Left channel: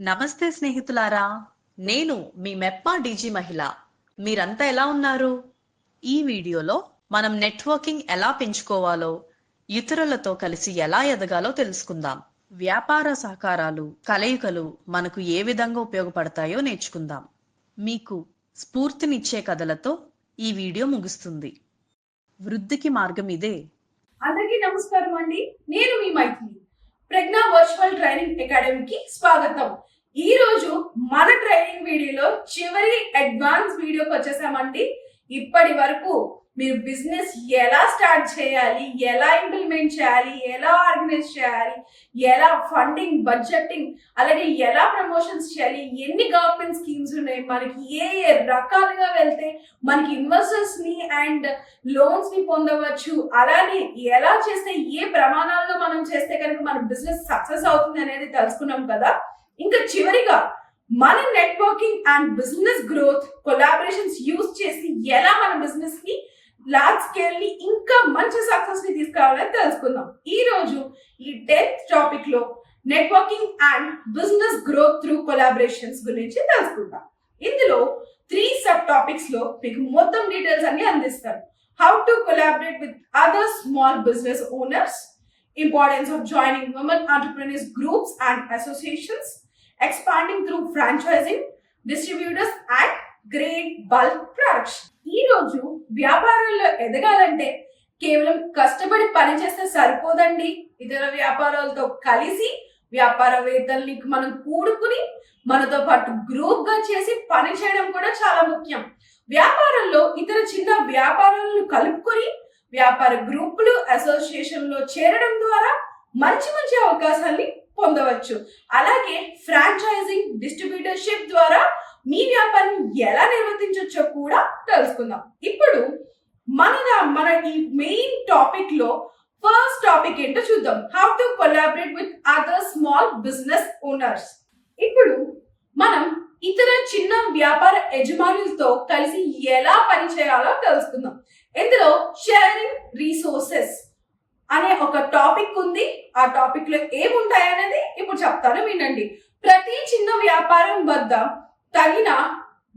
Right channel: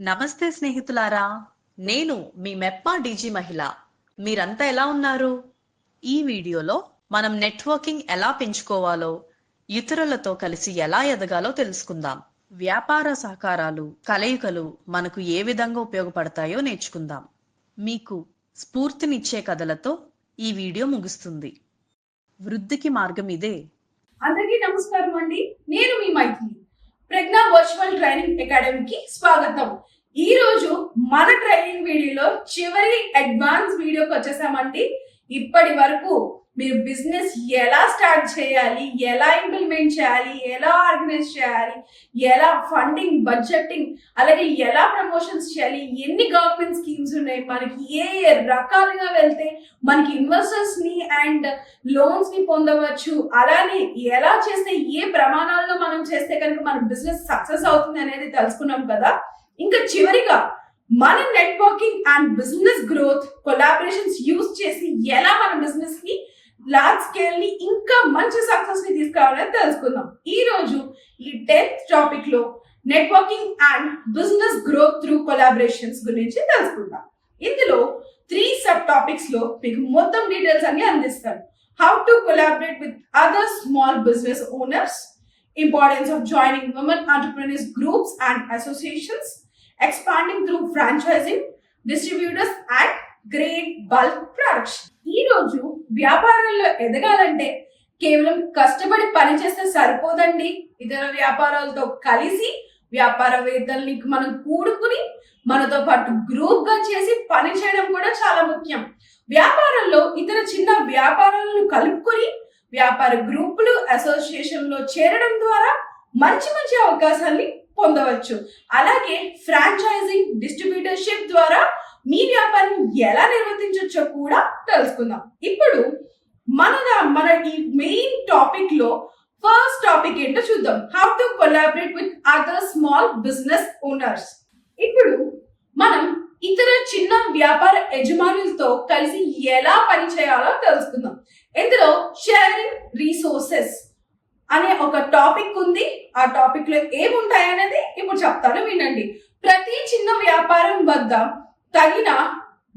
నమస్తే స్నేహితులారా నేను మీ మెప్పా డీజీ మహిళ. మీరంతా ఎలా ఉన్నారు? ఈ వీడియోలో మనం నెట్వర్కింగ్ ఎలా పెంచుకోవాలో ఇతరులతో కలిసి ఎలా ఎదగాలో తెలుసుకుందాం. వ్యాపార సహకారాలు కలయికలు మనకు ఏ విధంగా ఉపయోగపడతాయో నేర్చుకుందాం. మీకు స్ఫూర్తినిచ్చే కథలతో ఈ వీడియో ముగుస్తుంది. వృద్ధికి మార్గం ఇదే. అందరికీ నమస్కారం అండి. నేను మీ మైథిలి. ప్రజ్ఞా వర్చువల్ ట్రైనింగ్ అకాడమీకి స్వాగతం. ఈ రోజు మన ట్రైనింగ్ వీడియోలో చివరి అడ్వాన్స్ వీడియోకి వచ్చేసామండి. ఇప్పటి వరకు మీరు బిజినెస్ ఎలా స్టార్ట్ చేయాలి ఎలా ఇంప్లిమెంట్ చేయాలి ఎలా ఆర్గనైజ్ చేయాలి ఎలా ఫండింగ్ బడ్జెటింగ్ అలాగే ఎలా ప్రమోషన్స్ చేయాలి ఎన్ని గవర్నమెంట్ స్కీమ్స్ ఉన్నాయి మనకి ఏ ఏ రకాలుగా వెళ్తే మనకి ఇన్వెస్టర్స్ని అండ్ లోన్స్ని పొందవచ్చు అలానే ఎలా చేస్తే ఏ ప్రమాణాల్లో మనం చేస్తే కనుక మన బిజినెస్ సక్సెస్ అవుతుంది అనేది తెలుసుకున్నాం కదా. ఇంకా చివరిగా మన networking and business growth collaborations use చేసి ఎలా మన బిజినెస్ని లార్జ్ స్కేల్ని ఇంకా మంచి సక్సెస్ని తీసుకురావాలని తెలుసుకుందాం. ఈ రోజు ఈ టెన్త్ టాపిక్లో networking and business growth through collaborations గురించి తెలుసుకుందాం. ఇందులో త్రీ సబ్ టాపిక్స్లో మీకు మొత్తం డీటెయిల్స్ అన్ని అందిస్తారు how to collaborate with other small business owners importance of joining women entrepreneurs groups and associations expanding through franchising distributors and great bulk production. ఈ రోజు వ్యాపారాల్లో ఎదగాలంటే కేవలం కష్టపడి పనిచేస్తే సరిపోదండి. ఇతర వ్యాపారాలతో కలిసి వ్యాపారవేత్తల్ని మనం కూడుకుని మనతో పాటు గ్రూప్గా చేసి పని చేయడం కూడా చాలా ముఖ్యం. వ్యాపారంలో ఇతర చిన్న వ్యాపారాలను కలుపుకొని వ్యాపార గ్రూపులు అసోసియేషన్లో చేరడం ద్వారా మంచి మంచి అవకాశాన్ని పొందవచ్చు. అలాగే ఫ్రాంచైజింగ్ డిస్ట్రిబ్యూటర్షిప్ ద్వారా మీ వ్యాపారాన్ని ఎలా నిర్వర్తించవచ్చో కూడా తెలుసుకుందాం. ఇప్పుడు మన మన ఈ మెయిన్ టాపిక్లో ఫస్ట్ టాపిక్ ఏంటో చూద్దాం. How to collaborate with other small business owners ఇప్పుడు మనం ఇతర చిన్న వ్యాపార యజమానులతో కలిసి ఎలా పని చేయాలో తెలుసుకుందాం. ఇందులో షేరింగ్ రీసోర్సెస్ అనే ఒక టాపిక్ ఉంది. ఆ టాపిక్లో ఏముంటాయి అనేది ఇప్పుడు చెప్తాను వినండి. ప్రతి చిన్న వ్యాపారం వద్ద తగిన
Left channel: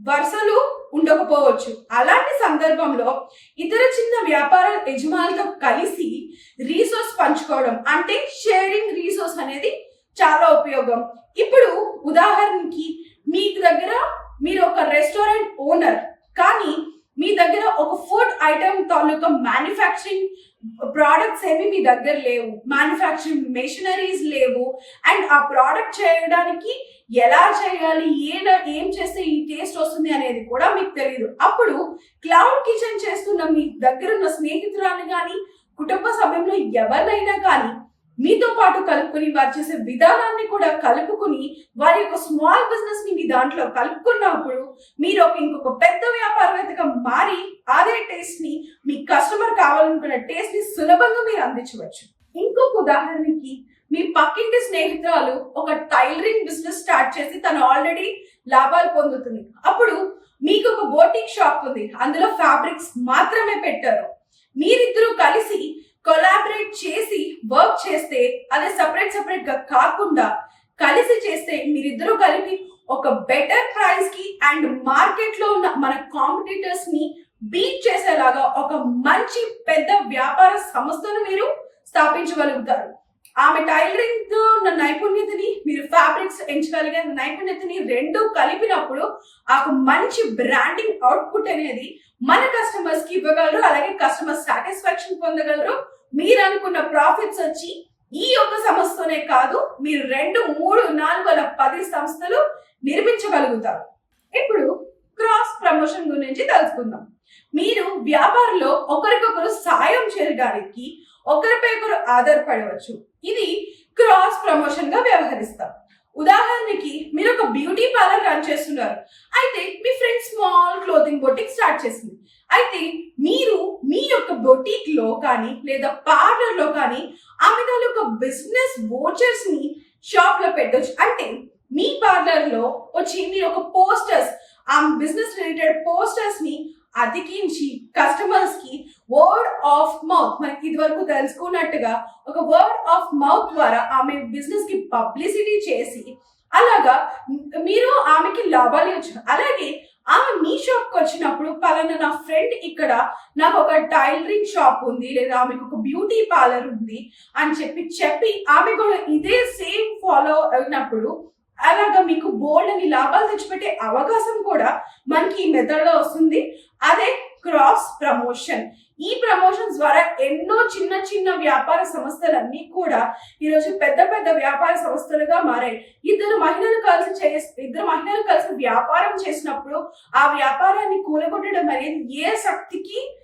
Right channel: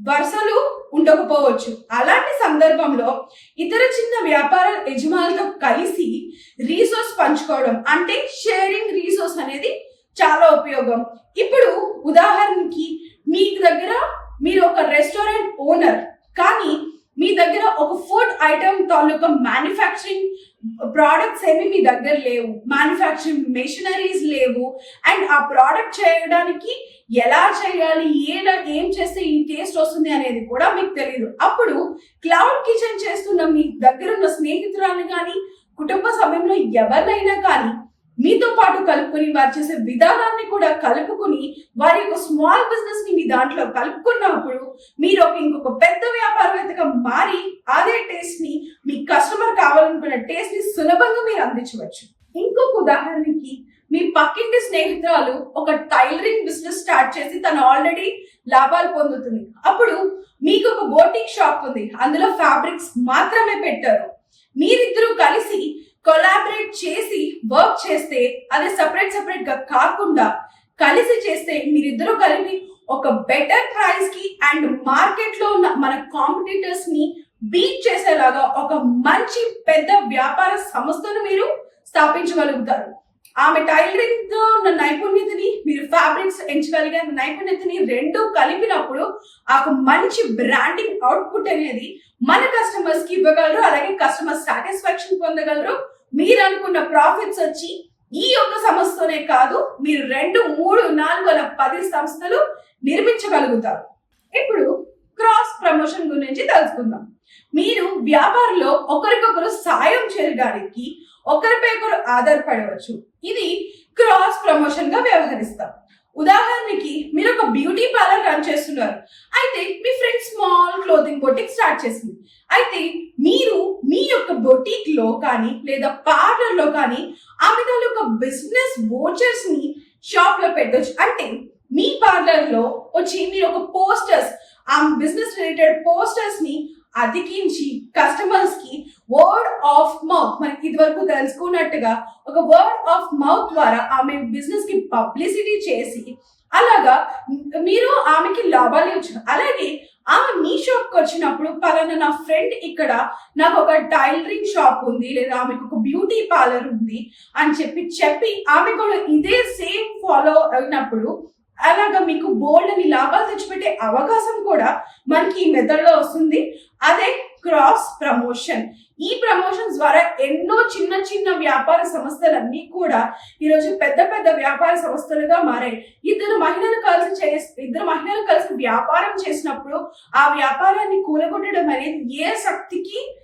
వరుసలు ఉండకపోవచ్చు. అలాంటి సందర్భంలో ఇతర చిన్న వ్యాపార యజమానులతో కలిసి రీసోర్స్ పంచుకోవడం అంటే షేరింగ్ రీసోర్స్ అనేది చాలా ఉపయోగం. ఇప్పుడు ఉదాహరణకి మీ దగ్గర మీరు ఒక రెస్టారెంట్ ఓనర్ కానీ మీ దగ్గర ఒక ఫుడ్ ఐటమ్ తాలూకా మ్యానుఫ్యాక్చరింగ్ ప్రోడక్ట్స్ ఏమి మీ దగ్గర లేవు. మ్యానుఫ్యాక్చరింగ్ మెషినరీస్ లేవు. అండ్ ఆ ప్రోడక్ట్ చేయడానికి ఎలా చేయాలి? ఏలా ఏం చేస్తే ఈ టేస్ట్ వస్తుంది అనేది కూడా మీకు తెలియదు అప్పుడు క్లౌడ్ కిచెన్ చేస్తున్న మీ దగ్గర ఉన్న స్నేహితురాలు కానీ కుటుంబ సమయంలో ఎవరినైనా కానీ మీతో పాటు కలుపుకొని వారు చేసే విధానాన్ని కూడా కలుపుకొని వారి యొక్క స్మాల్ బిజినెస్ని మీ దాంట్లో కలుపుకున్నప్పుడు మీరు ఒక ఇంకొక పెద్ద వ్యాపారవేత్తగా మారి అదే టేస్ట్ని మీ కస్టమర్ కావాలనుకున్న టేస్ట్ని సులభంగా మీరు అందించవచ్చు. ఇంకొక ఉదాహరణకి మీ పక్కింటి స్నేహితురాలు ఒక టైలరింగ్ బిజినెస్ స్టార్ట్ చేసి తను ఆల్రెడీ లాభాలు పొందుతుంది. అప్పుడు మీకు ఒక బోటిక్ షాప్ ఉంది. అందులో ఫ్యాబ్రిక్స్ మాత్రమే పెట్టారు. మీరిద్దరూ కలిసి కొలాబరేట్ చేసి వర్క్ చేస్తే అది సపరేట్ సపరేట్గా కాకుండా కలిసి చేస్తే మీరిద్దరూ కలిపి ఒక బెటర్ ప్రైస్కి అండ్ మార్కెట్లో ఉన్న మన కాంపిటీటర్స్ని బీట్ చేసేలాగా ఒక మంచి పెద్ద వ్యాపార సంస్థను మీరు స్థాపించగలుగుతారు. ఆమె టైలరింగ్ ఉన్న నైపుణ్యతని మీరు ఫ్యాబ్రిక్స్ ఎంచగలిగే నైపుణ్యతని రెండు కలిపినప్పుడు ఆ మంచి బ్రాండింగ్ అవుట్పుట్ అనేది మన కస్టమర్స్కి ఇవ్వగలరు అలాగే కస్టమర్ సాటిస్ఫాక్షన్ పొందగలరు. మీరు అనుకున్న ప్రాఫిట్స్ వచ్చి ఈ ఒక్క సంస్థతోనే కాదు మీరు రెండు మూడు నాలుగు అలా పది సంస్థలు నిర్మించగలుగుతారు. ఇప్పుడు క్రాస్ ప్రమోషన్ గురించి తెలుసుకుందాం. మీరు వ్యాపారంలో ఒకరికొకరు సాయం చేయడానికి ఒకరిపై ఒకరు ఆధారపడవచ్చు. ఇది క్రాస్ ప్రమోషన్గా వ్యవహరిస్తాం. ఉదాహరణకి మీరు ఒక బ్యూటీ పార్లర్ రన్ చేస్తున్నారు. అయితే మీ friend small clothing boutique start చేసింది. అయితే మీరు మీ యొక్క బొటిక్లో కానీ లేదా పార్లర్లో కానీ ఆమె తాలూకా బిజినెస్ వోచర్స్ని షాప్లో పెట్టొచ్చు. అంటే మీ పార్లర్లో వచ్చి మీరు ఒక పోస్టర్స్ ఆ బిజినెస్ రిలేటెడ్ పోస్టర్స్ని అతికించి కస్టమర్స్కి వర్డ్ ఆఫ్ మౌత్ మనకి ఇది వరకు తెలుసుకున్నట్టుగా ఒక వర్డ్ ఆఫ్ మౌత్ ద్వారా ఆమె బిజినెస్కి పబ్లిసిటీ చేసి అలాగా మీరు ఆమెకి లాభాలు ఇచ్చారు. అలాగే ఆమె మీ షాప్కి వచ్చినప్పుడు పలానా నా ఫ్రెండ్ ఇక్కడ నాకు ఒక టైలరింగ్ షాప్ ఉంది లేదా ఆమెకు ఒక బ్యూటీ పార్లర్ ఉంది అని చెప్పి చెప్పి ఆమె కూడా ఇదే సేమ్ ఫాలో అయినప్పుడు అలాగా మీకు బోల్డ్ అని లాభాలు తెచ్చిపెట్టే అవకాశం కూడా మనకి ఈ మెథడ్లో వస్తుంది. అదే క్రాస్ ప్రమోషన్ ఈ ప్రమోషన్స్ ద్వారా ఎన్నో చిన్న చిన్న వ్యాపార సంస్థలన్నీ కూడా ఈరోజు పెద్ద పెద్ద వ్యాపార సంస్థలుగా మారాయి. ఇద్దరు మహిళలు కలిసి చే ఇద్దరు మహిళలు కలిసి వ్యాపారం చేసినప్పుడు ఆ వ్యాపారాన్ని కూలగొట్టడం అనేది ఏ శక్తికి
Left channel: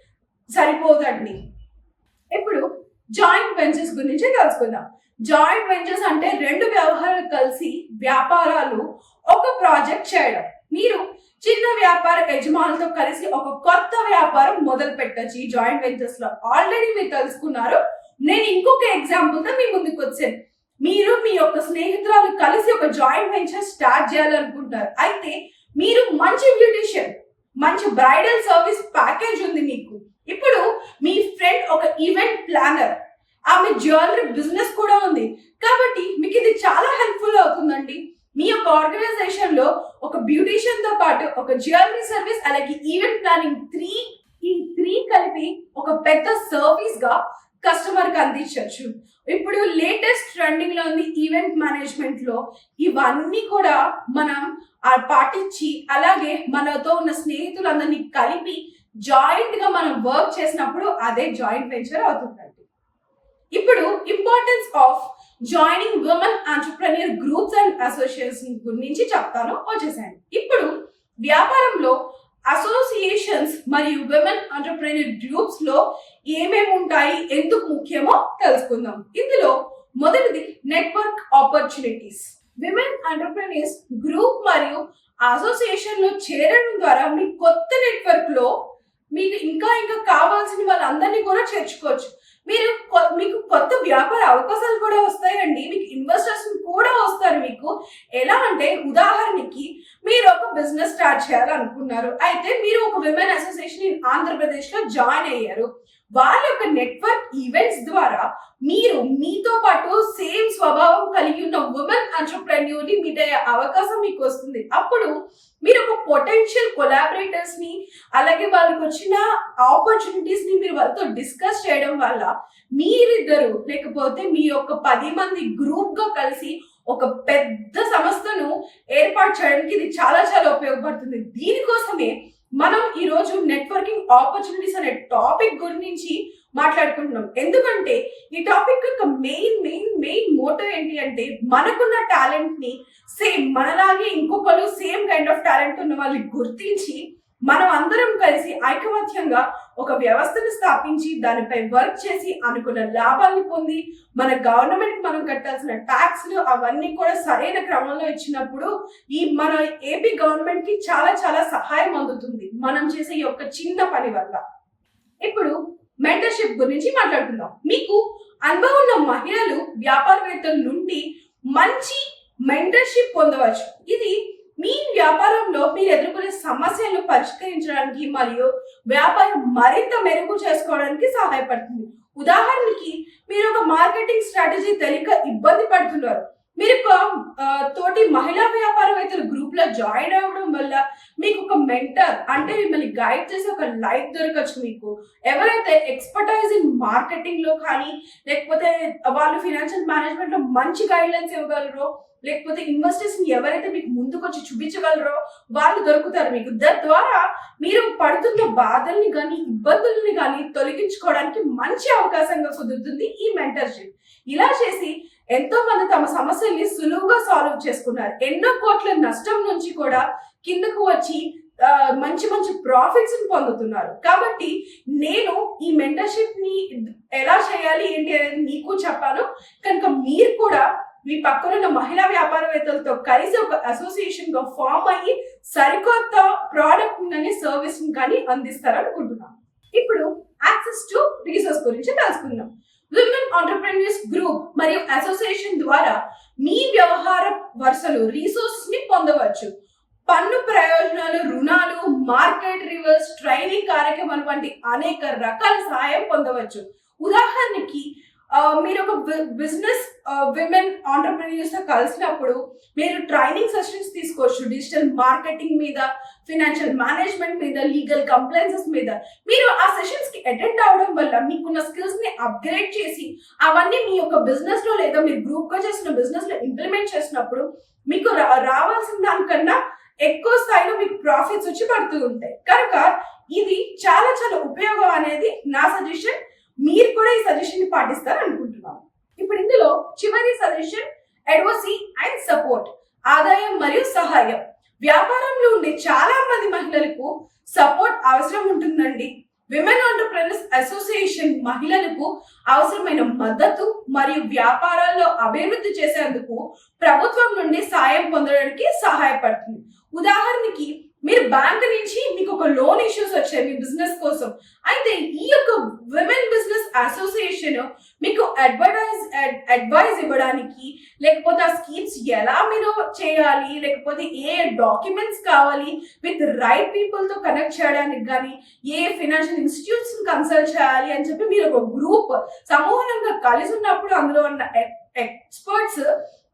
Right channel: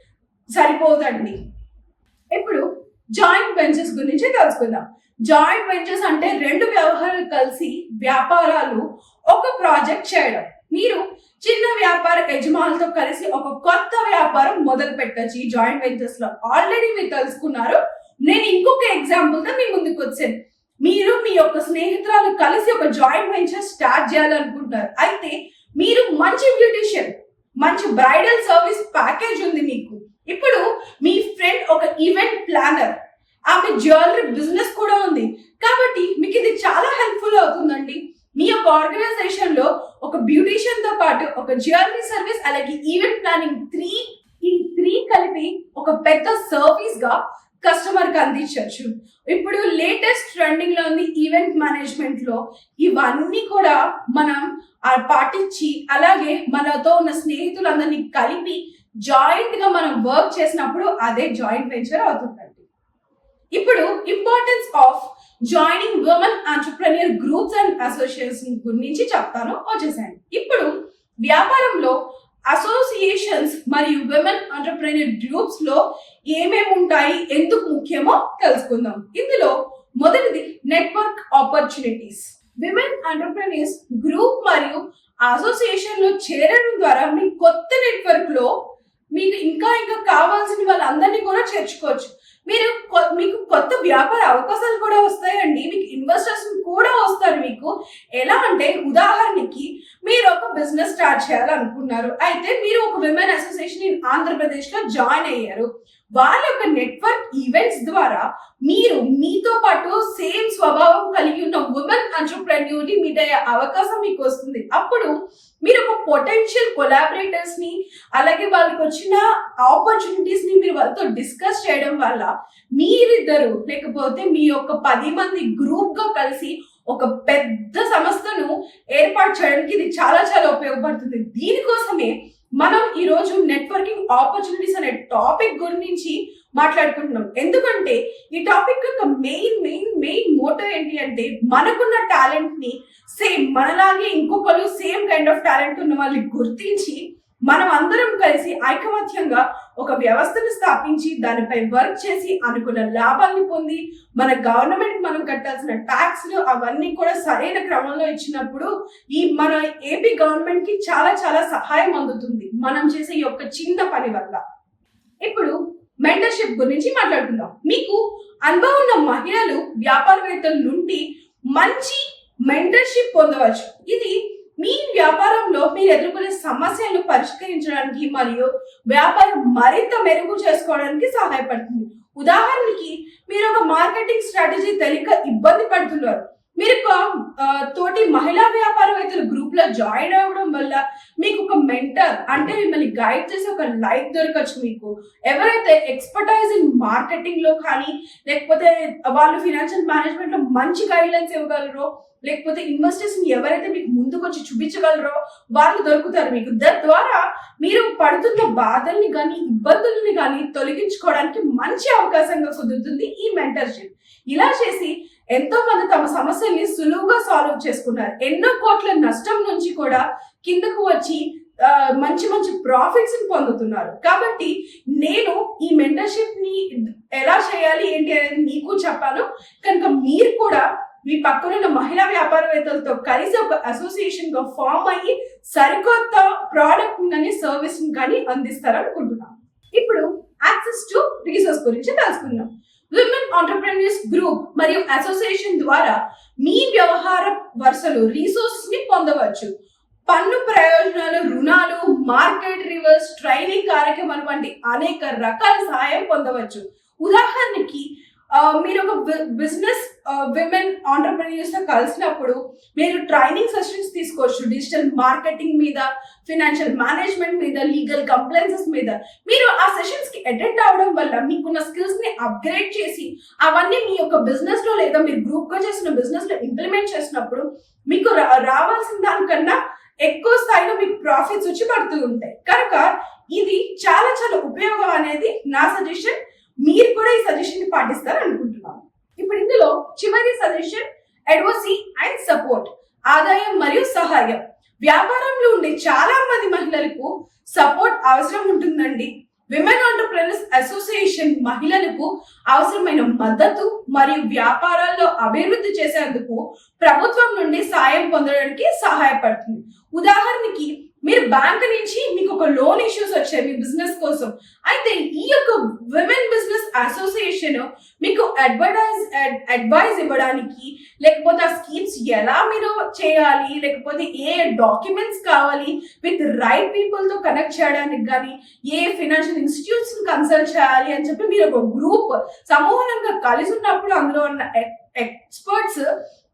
సరిపోదండి? ఇప్పుడు జాయింట్ వెంచర్స్ గురించి తెలుసుకుందాం. జాయింట్ వెంచర్స్ అంటే రెండు వ్యవహారాలు కలిసి వ్యాపారాలు ఒక ప్రాజెక్ట్ చేయడం. మీరు చిన్న వ్యాపార యజమానులతో కలిసి ఒక కొత్త వ్యాపారం మొదలు పెట్టచ్చు. ఈ జాయింట్ వెంచర్స్లో ఆల్రెడీ మీరు తెలుసుకున్నారు. నేను ఇంకొక ఎగ్జాంపుల్తో మీ ముందుకు వచ్చాను. మీరు మీ యొక్క స్నేహితురాలు కలిసి ఒక జాయింట్ వెంచర్ స్టార్ట్ చేయాలనుకుంటున్నారు. అయితే మీరు మంచి బ్యూటిషియన్ మంచి బ్రైడల్ సర్వీస్ ప్యాకేజ్ ఉంది మీకు. ఇప్పుడు మీ ఫ్రెండ్ ఒక ఈవెంట్ ప్లానర్ ఆమె జ్యువెలరీ బిజినెస్ కూడా ఉంది. కాబట్టి మీకు ఇది చాలా హెల్ప్ఫుల్ అవుతుందండి. ఒక ఆర్గనైజేషన్లో ఒక బ్యూటీషియన్తో పాటు ఒక జ్యువెలరీ సర్వీస్ అలాగే ఈవెంట్ ప్లానింగ్ త్రీ ఈ త్రీ కలిపి ఒక పెద్ద సర్వీస్గా కస్టమర్కి అందించవచ్చు. ఇప్పుడు లేటెస్ట్ ట్రెండింగ్లో ఉంది ఈవెంట్ మేనేజ్మెంట్లో. ఇవన్నీ కూడా మనం పాటించి అలాగే మనతో ఉన్న స్నేహితులందరినీ కలిపి జాయింట్గా మనం వర్క్ చేసినప్పుడు అదే జాయింట్ వెంచర్ అవుతుంది. ఇప్పుడు importance of joining women entrepreneur groups and association గురించి చెప్తాను. వచ్చేసాను ఇప్పుడు వ్యాపారంలో అసోసియేషన్స్ మరియు విమెన్ ఆంటర్ప్రెన్యూర్ గ్రూప్స్లో ఏమేమి ఉంటాయి? ఎందుకు ముఖ్యమో తెలుసుకుందాం. ఇందులో మొదటిది network opportunities women entrepreneurs group మరియు అసోసియేషన్లో చేరడం ద్వారా మీ కొత్త నెట్వర్క్లో మీకు ఇంకా ఇంకా కావాల్సిన వాళ్ళందరినీ కూడా చేర్చుకోవచ్చు. మీరు మీకు కొత్త వ్యాపార అవకాశాలు కూడా వస్తాయండి. మీకు ఇన్వెస్టర్స్ కూడా వస్తారు మీకు. ఎలా అంటే ఉదాహరణకి మీరు ఒక బిజినెస్ స్టార్ట్ చేయాలనుకున్నారు. అయితే మీరు ఒక విమెన్ అసోసియేషన్ ఇన్ ఆంధ్రప్రదేశ్లో జాయిన్ అయ్యారు. వాళ్ళ యొక్క నెట్వర్క్ ఈవెంట్స్ ద్వారా మీరు మీతో పాటు సేమ్ స్వభావం కలిగి ఉన్న ఉమెన్ ఎంటర్ప్రెన్యూర్ని మీట్ అయ్యే అవకాశం మీకు వస్తుంది. అప్పుడు మీరు ఒక పొటెన్షియల్ కొలాబరేటర్స్ని అలాగే వాళ్ళకి వచ్చిన ఆపర్చునిటీస్ని మీరు వాళ్ళతో డిస్కస్ చేయడం వల్ల మీరిద్దరు లేకపోతే మీ యొక్క పది మంది గ్రూప్గా కలిసి ఒక పెద్ద సంస్థను ఏర్పాటు చేయడానికి ఇది చాలా చాలా ఉపయోగపడుతుంది. దీనికోసమే మనం ఈరోజు నెట్వర్కింగ్ ఆపర్చునిటీస్ అనే టాపిక్ గురించి మాట్లాడుకుంటున్నాం. ఎందుకంటే ఈ టాపిక్ యొక్క మెయిన్ మెయిన్ మెయిన్ మోటో ఏంటి అంటే మనకున్న టాలెంట్ని సేమ్ మనలాగే ఇంకొకరు సేమ్ కైండ్ ఆఫ్ టాలెంట్ ఉన్న వాళ్ళని గుర్తించి మనం అందరం కలిసి ఐకమత్యంగా ఒక వ్యవస్థను స్థాపించి దానిపై వర్క్ చేసి అనుకున్న లాభాన్ని పొంది మన గవర్నమెంట్ మనం కట్టాల్సిన ట్యాక్స్లు అవన్నీ కూడా సరైన క్రమంలో ఇచ్చినప్పుడు ఈ మన ఏపీ గవర్నమెంట్కి చాలా చాలా సహాయం అందుతుంది మనం చేసే ఈ యొక్క చిన్న పని వల్ల. ఇప్పుడు మెంటర్షిప్ గురించి మాట్లాడుకుందాం. మీకు అనుభవం ఉన్న మహిళలు వ్యాపారవేత్తల నుండి మంచి మెంటర్షిప్ పొందవచ్చు. ఇది మీ వ్యాపారంలో మీరు ఎదుర్కొనే సమస్యలను పరిష్కరించడానికి మరియు వ్యాపారం మరింత మెరుగు చేసుకోవడానికి సహాయపడుతుంది. ఉదాహరణకి మీరు ఒక మార్కెటింగ్ స్ట్రాటజీ తెలియక ఇబ్బంది పడుతున్నారు. మీరు ఒక తోటి మహిళా వ్యాపారవేత్తల గ్రూప్లో జాయిన్ అవ్వడం వల్ల మీకు ఒక మెంటర్ అంటే మిమ్మల్ని గైడ్ చేసే ఒక లైఫ్ దొరకచ్చు మీకు. ఎవరైతే ఎక్స్పర్టైజ్ ఇన్ మార్కెటింగ్లో కానీ లేకపోతే వాళ్ళు ఫినాన్షియల్ మేనేజ్మెంట్లో మంచి గైడ్లైన్స్ ఇవ్వగలరో లేకపోతే ఇన్వెస్టర్స్ని ఎవరైతే మీకు ముందుకొచ్చి చూపించగలరో వాళ్ళు దొరుకుతారు మీకు. తద్వారా మీరు పడుతున్న బాధల్ని కానీ ఇబ్బందుల్ని కానీ తొలగించుకోవడానికి మంచి అవకాశంగా కుదురుతుంది ఈ మెంటర్షిప్ ఇలా చేసి ఎంతో మంది తమ సమస్యల్ని సులువుగా సాల్వ్ చేసుకున్నారు. ఎన్నో కోట్ల నష్టం నుంచి కూడా కిందకు వచ్చి మంచి మంచి ప్రాఫిట్స్ పొందుతున్నారు. కాబట్టి నేను ఈ మెంటర్షిప్ని ఎలా చేయాలి ఏంటి అనేది మీకు చెప్పాను. కనుక మీరు కూడా మీ పక్కనున్న మహిళా వ్యాపారవేత్తలతో కలిసి ఒక అసోసియేషన్గా ఫామ్ అయ్యి సరికొత్త ప్రోడక్ట్ కానీ సర్వీస్ కానీ అందిస్తారనుకుంటున్నాం. ఇప్పుడు యాక్సెస్ టు రీసోర్స్ గురించి తెలుసుకుందాం. విమెన్ ఆంటర్ప్రెన్యూర్స్ గ్రూప్ మరియు అసోసియేషన్ ద్వారా మీ వ్యవహార వరుసలు రీసోర్సెస్ని పొందవచ్చు. పన్ను ప్రయోజనాలు రుణాలు మార్కెట్ రివర్స్ ట్రైనింగ్ కార్యక్రమాలు వంటి అనేక రకాల సహాయం పొందవచ్చు. ఉదాహరణకి మీరు ఒక బిజినెస్ విమెన్ ఆంటర్ప్రీనియర్స్తో కలిసినప్పుడు మీరు ట్రైనింగ్ సెషన్స్ తీసుకోవచ్చు డిజిటల్ మార్కెటింగ్ మీద ఫినాన్షియల్ మేనేజ్మెంట్ మీద లీగల్ కంప్లైన్సెస్ మీద. మీరు ఆ సెషన్స్కి అటెండ్ అవడం వల్ల మీకున్న స్కిల్స్ని అప్గ్రేడ్ చేసి అవన్నీ మీ యొక్క బిజినెస్లో లేదా మీరు గ్రూప్గా చేసిన బిజినెస్లో ఇంప్లిమెంట్ చేసినప్పుడు మీకు రా- రావాల్సిన దానికన్నా ఎక్కువ స్థాయిలో మీకు ప్రాఫిట్స్ వచ్చి పడుతూ ఉంటాయి. కనుక ఇది చాలా చాలా ఉపయోగం అనేది నా సజెషన్ మీరు కూడా ఈ సజెషన్ని పాటిస్తారు అనుకుంటున్నాను. ఇప్పుడు ఇందులో చివరి సజెషన్ అడ్వసీ అండ్ సపోర్ట్ ఆదాయం మరియు సహాయం. వ్యాపారంలో ఉండే చాలా మంది మహిళలకు సపోర్ట్ అవసరం ఉంటుందండి. విమెన్ ఆంటర్ప్రెనర్స్ అసోసియేషన్ మహిళలకు అవసరమైన మద్దతు మరియు వ్యాపారాల్లో అభివృద్ధి చేసేందుకు ప్రభుత్వం నుండి సాయం పొందడానికి సహాయపడుతుంది. ఉదాహరణకి మీరు బ్యాంక్ నుంచి మీకు ఒక లోన్ ఇష్యూస్ వచ్చాయి మీ బిజినెస్ కోసం. అయితే ఈ యొక్క విమెన్ బిజినెస్ అసోసియేషన్ మీకు అడ్వర్టైజ్ అడ్వైజ్ ఇవ్వడానికి లేకపోతే ఆ స్కీమ్స్ ఎలా మీరు చేయాలి లేకపోతే ఏ డాక్యుమెంట్స్ కావాలి విత్ రైట్ పీపుల్తో కనెక్ట్ చేయడానికి కానీ ఏ ఫినాన్షియల్ ఇన్స్టిట్యూట్స్ కన్సల్ట్ చేయాలి అని చెప్పి మీరు ఒక గ్రూప్ సమూహంగా కలిసి ఉన్నప్పుడు అందులో ఉన్న ఎక్స్పర్ట్స్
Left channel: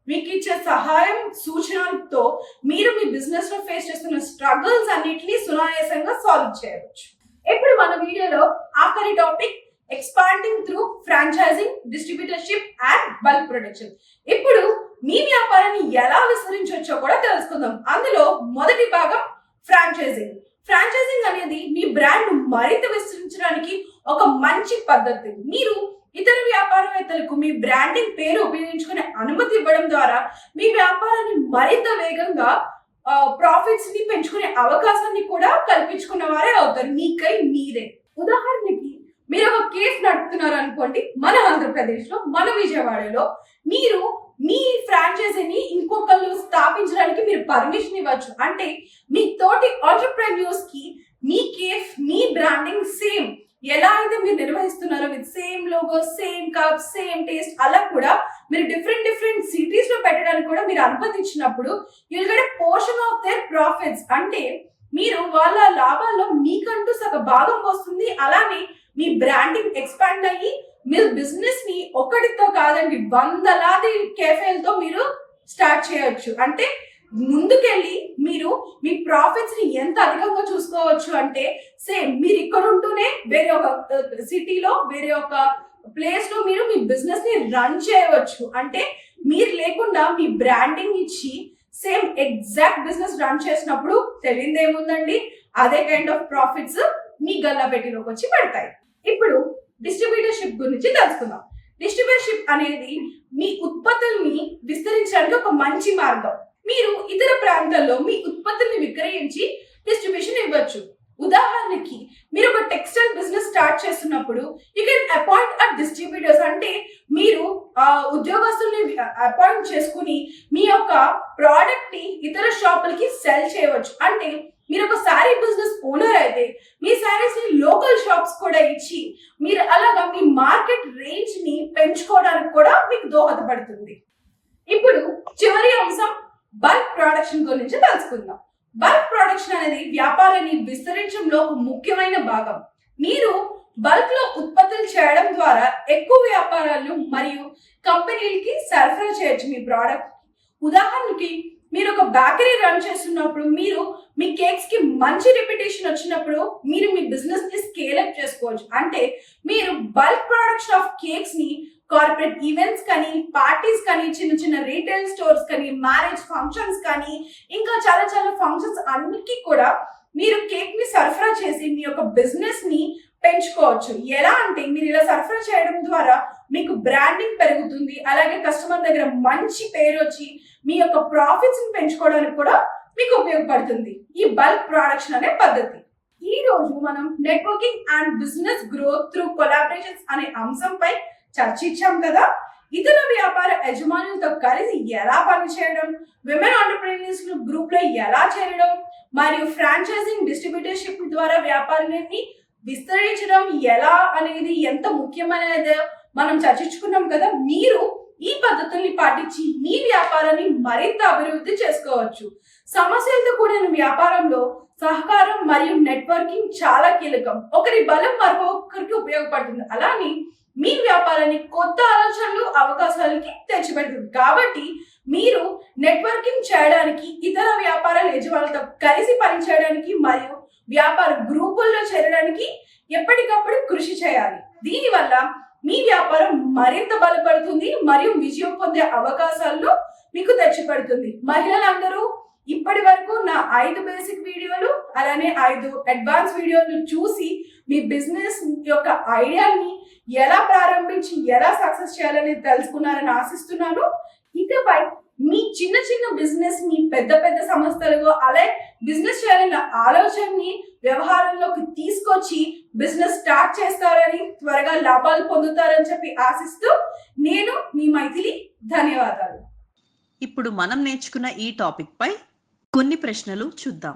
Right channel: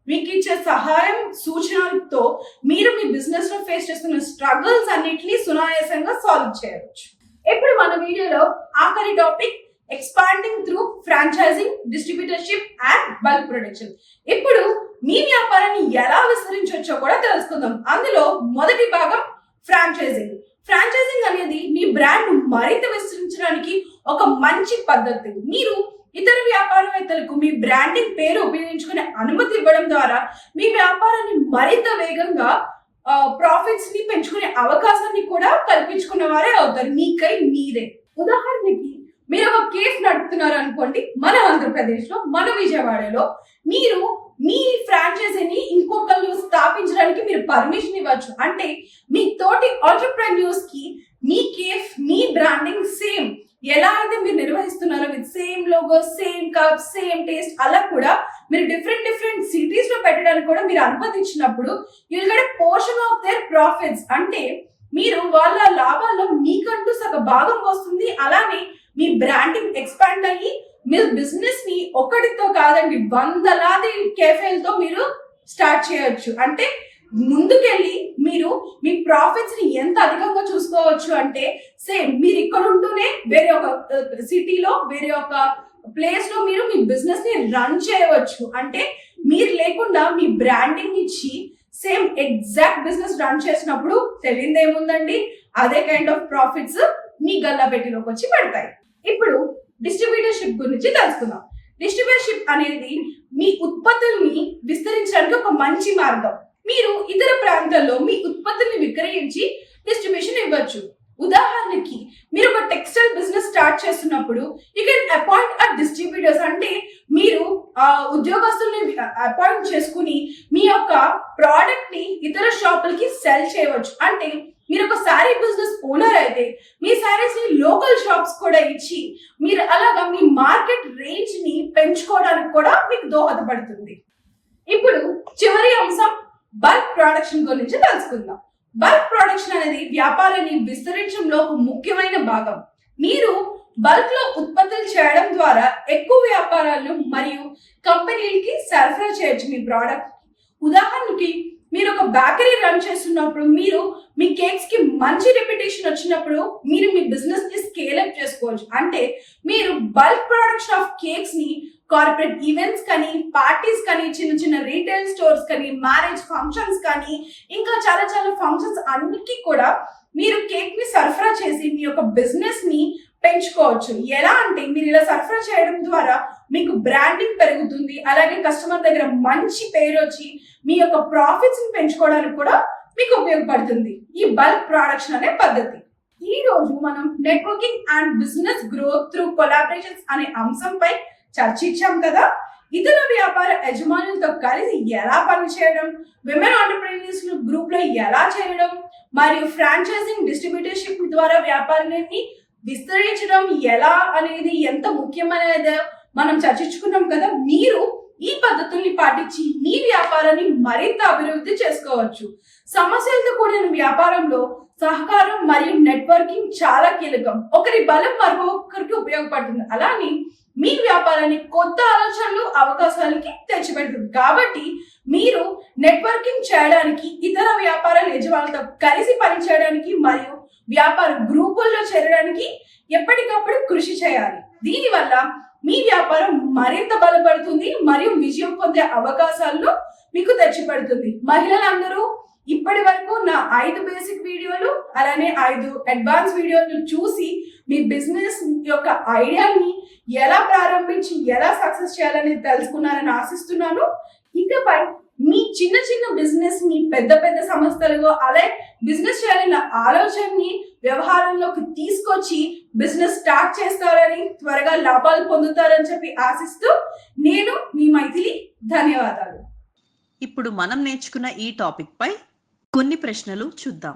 మీకు ఇచ్చే సహాయం సూచనలతో మీరు మీ బిజినెస్లో ఫేస్ చేస్తున్న స్ట్రగుల్స్ అన్నిటిని సునాయాసంగా సాల్వ్ చేయవచ్చు. ఇప్పుడు మన వీడియోలో ఆఖరి topic expanding through franchising distributorship and bulk production ఇప్పుడు మీ వ్యాపారాన్ని ఎలా విస్తరించవచ్చో కూడా తెలుసుకుందాం. అందులో మొదటి భాగం ఫ్రాంచైజింగ్ ఫ్రాంచైజింగ్ అనేది మీ బ్రాండ్ మరింత విస్తరించడానికి ఒక మంచి పద్ధతి. మీరు ఇతర వ్యాపారవేత్తలకు మీ బ్రాండింగ్ పేరు ఉపయోగించుకునే అనుమతి ఇవ్వడం ద్వారా మీ వ్యాపారాన్ని మరింత వేగంగా ప్రాఫిట్స్ని పెంచుకునే అవకాశాన్ని కూడా కల్పించుకున్న వారే అవుతారు. మీకై మీరే. ఉదాహరణకి మీరు ఒక కేఫ్ నడుపుతున్నారు అనుకోండి. మన ఆంధ్రప్రదేశ్లో మన విజయవాడలో మీరు మీ ఫ్రాంచైజీని ఇంకొకళ్ళు స్థాపించడానికి మీరు పర్మిషన్ ఇవ్వచ్చు. అంటే మీ తోటి ఆంటర్ప్రెన్యూర్స్కి మీ కేఫ్ మీ బ్రాండింగ్ సేమ్ ఎలా అయితే మీరు నిర్వహిస్తున్నారో with same logo same cup same taste అలా కూడా మీరు డిఫరెంట్ డిఫరెంట్ సిటీస్లో పెట్టడానికి కూడా మీరు అనుమతించినప్పుడు you'll get portion of their profits అంటే మీరు వాళ్ళ లాభాల్లో మీకంటూ సగ భాగం వస్తుంది. అలానే మీ బ్రాండింగ్ ఎక్స్పాండ్ అయ్యి మీ బిజినెస్ని ఒకటితో కాదండి వందలాది కేఫేలతో మీరు స్టార్ట్ చేయొచ్చు. అంటే ముందుకెళ్ళి మీరు మీ ప్రాఫిట్స్ని ఎంత అధికంగా చూసుకోవచ్చు అంటే సేమ్ మీరు ఇక్కడ ఉంటూనే వేరే ఒక uh, సిటీలో వేరే ఒక ప్లేస్లో మీరు మీ బిజినెస్ని రన్ చేయవచ్చు. అంటే మీరు లేకుండా మీ బ్రాండింగ్ ఇచ్చి సేమ్ ఎగ్జాక్ట్ బిజినెస్ రన్ చేసినప్పుడు తెలియదు ఏముందండి అదే కైండ్ ఆఫ్ ప్రాఫిట్స్ మీ గల్లా పెట్టిలోకి వచ్చి పడతాయి. ఇప్పుడు డిస్ట్రిబ్యూటర్షిప్ గురించి తెలుసుకుందాం. డిస్ట్రిబ్యూటర్షిప్ అనేది మీ ఉత్పత్తుల్ని విస్తరించడానికి ఒక మంచి మార్గం. మీరు ఇతర ప్రాంతాల్లో మీ ఉత్పత్తుల్ని విక్రయించి డిస్ట్రిబ్యూషన్ ఇవ్వచ్చు. ఉదాహరణకి మీరు ఒక టెక్స్టైల్ బిజినెస్ స్టార్ట్ చేస్తున్నప్పుడు you can appoint a distributors అంటే మీరు ఆ ఉద్యోగస్తుల్ని అపాయింట్ చేసుకుని మీ యొక్క ప్రోడక్ట్ని ఇతర షాపులకి సెల్ చేయవచ్చు. అంటే మీరు ఒక శారీ బిజినెస్ ఓనర్ అయితే మీ శారీస్ని లోకల్ షాప్స్ కూడా ఇచ్చి మీరు అలాగా మీ మార్కెట్ రేంజ్ని పెంచుకోవడానికి కూడా మీకు దోహదపడుతుంది. ఇప్పుడు చివరి అంశం బల్క్ ప్రొడక్షన్ గురించి తెలుసుకుందాం. బల్క్ ప్రొడక్షన్ అనేది వ్యాపారాన్ని విస్తరించడంలో ఒక ముఖ్యమైన భాగం. మీరు బల్క్లో ఉత్పత్తులు చేయడం ద్వారా ఎక్కువ వ్యాపారాలు మరియు కంపెనీలకి సరఫరా చేయొచ్చు మీ ప్రోడక్ట్ ఉదాహరణకి మీరు ఒక బేకరీ రన్ చేస్తున్నప్పుడు మీరు మీ కేక్స్కి మంచి రెప్యుటేషన్ వచ్చినప్పుడు మీరు మీ బిజినెస్ని స్కేల్ అప్ చేసుకోవచ్చు. అంటే మీరు బల్క్ ప్రొడక్షన్ ఆఫ్ కేక్స్ని కార్పొరేట్ ఈవెంట్స్ కానీ పార్టీస్ కానీ చిన్న చిన్న రీటైల్ స్టోర్స్ కానీ మ్యారేజ్ ఫంక్షన్స్ కానీ ఇంకా చాలా చాలా ఫంక్షన్స్ అన్నిటికీ కూడా మీరు కేక్ని సరఫరా చేసి మీ యొక్క బిజినెస్ని పెంచుకోవచ్చు. ఎలా అంటే మీరు ఇలా సరఫరా చేయడం ద్వారా మీకు బ్రాండింగ్ పెరుగుతుంది అలాగే కస్టమర్ దగ్గర మంచి పేరు వచ్చి మీ యొక్క ప్రాఫిట్స్ని పెంచుకోవడానికి కూడా మీకు ఉపయోగపడుతుంది. ఈ బల్క్ ప్రొడక్షన్ అనే పద్ధతి. ఈ రోజు మనం networking and business growth through collaborations అనే అంశంపై చర్చించాం కదా. ఇతర వ్యాపార యజమానులతో కలిసి ఎలా పనిచేయడం విమెన్ ఆంటర్ప్రీనియర్స్ గ్రూప్లో ఎలా చేరడం మరియు ఫ్రాంచైజింగ్ డిస్ట్రిబ్యూటర్షిప్ ద్వారా వ్యాపారాన్ని విస్తరించడం ఎలా అనేది ఎంత ముఖ్యమైనదో మనం చర్చించుకున్నాం కదా. మీరు ఈ పద్ధతుల్ని పాటించి మీ వ్యాపారాన్ని మరింత అభివృద్ధి చేసుకోవచ్చు. సమస్యలతో కూడిన వ్యాపారంలో సహకారం మరియు నెట్వర్కింగ్ చాలా కీలకం. ఒకరి బలం మరొకరికి ఉపయోగపడుతుంది. అలానే మీ వ్యాపారాన్ని కొత్త ఆలోచనలు అవకాశాలకి తెచ్చిపెడుతుంది. కాబట్టి మీరు నెట్వర్కింగ్ చేయడానికి ఇతర వ్యాపార యజమానులతో కలిసి పనిచేయడానికి మరియు వ్యాపార గ్రూపుల్లో చేరడానికి ఎప్పటికప్పుడు కృషి చేయాలి. దీనివల్ల మీ వ్యాపారం మరింత బలపడుతుంది మరియు విజయం పొందే అవకాశాలను మీకు తెచ్చిపెడుతుంది. మహిళలందరూ ఇప్పటి వరకు నా ఐదు బేసిక్ వీడియోలు అలానే ఐదు అడ్వాన్స్ వీడియోలు చూసి మీ బిజినెస్ యొక్క ఐడియాని ఎలా ప్రారంభించి ఎలా సక్సెస్ చేయాలని తెలుసుకున్నారని ఆశిస్తున్నాను. ఇకపై మీ చిన్న చిన్న బిజినెస్ని పెద్ద పెద్ద సంస్థలుగా అలాగే బిజినెస్ చేయాలన్న ఆలోచనని వ్యవహారంలోకి తీసుకొచ్చి బిజినెస్ స్టార్ట్ చేస్తారని త్వరగా లాభాలు పొందుతారని చెప్పి ఆశిస్తూ నేను మీ మైథిలి ధన్యవాదాలు. ఇప్పుడు మనం నేర్చుకున్న ఈ టాపిక్ పై కొన్ని ప్రశ్నలు చూద్దాం.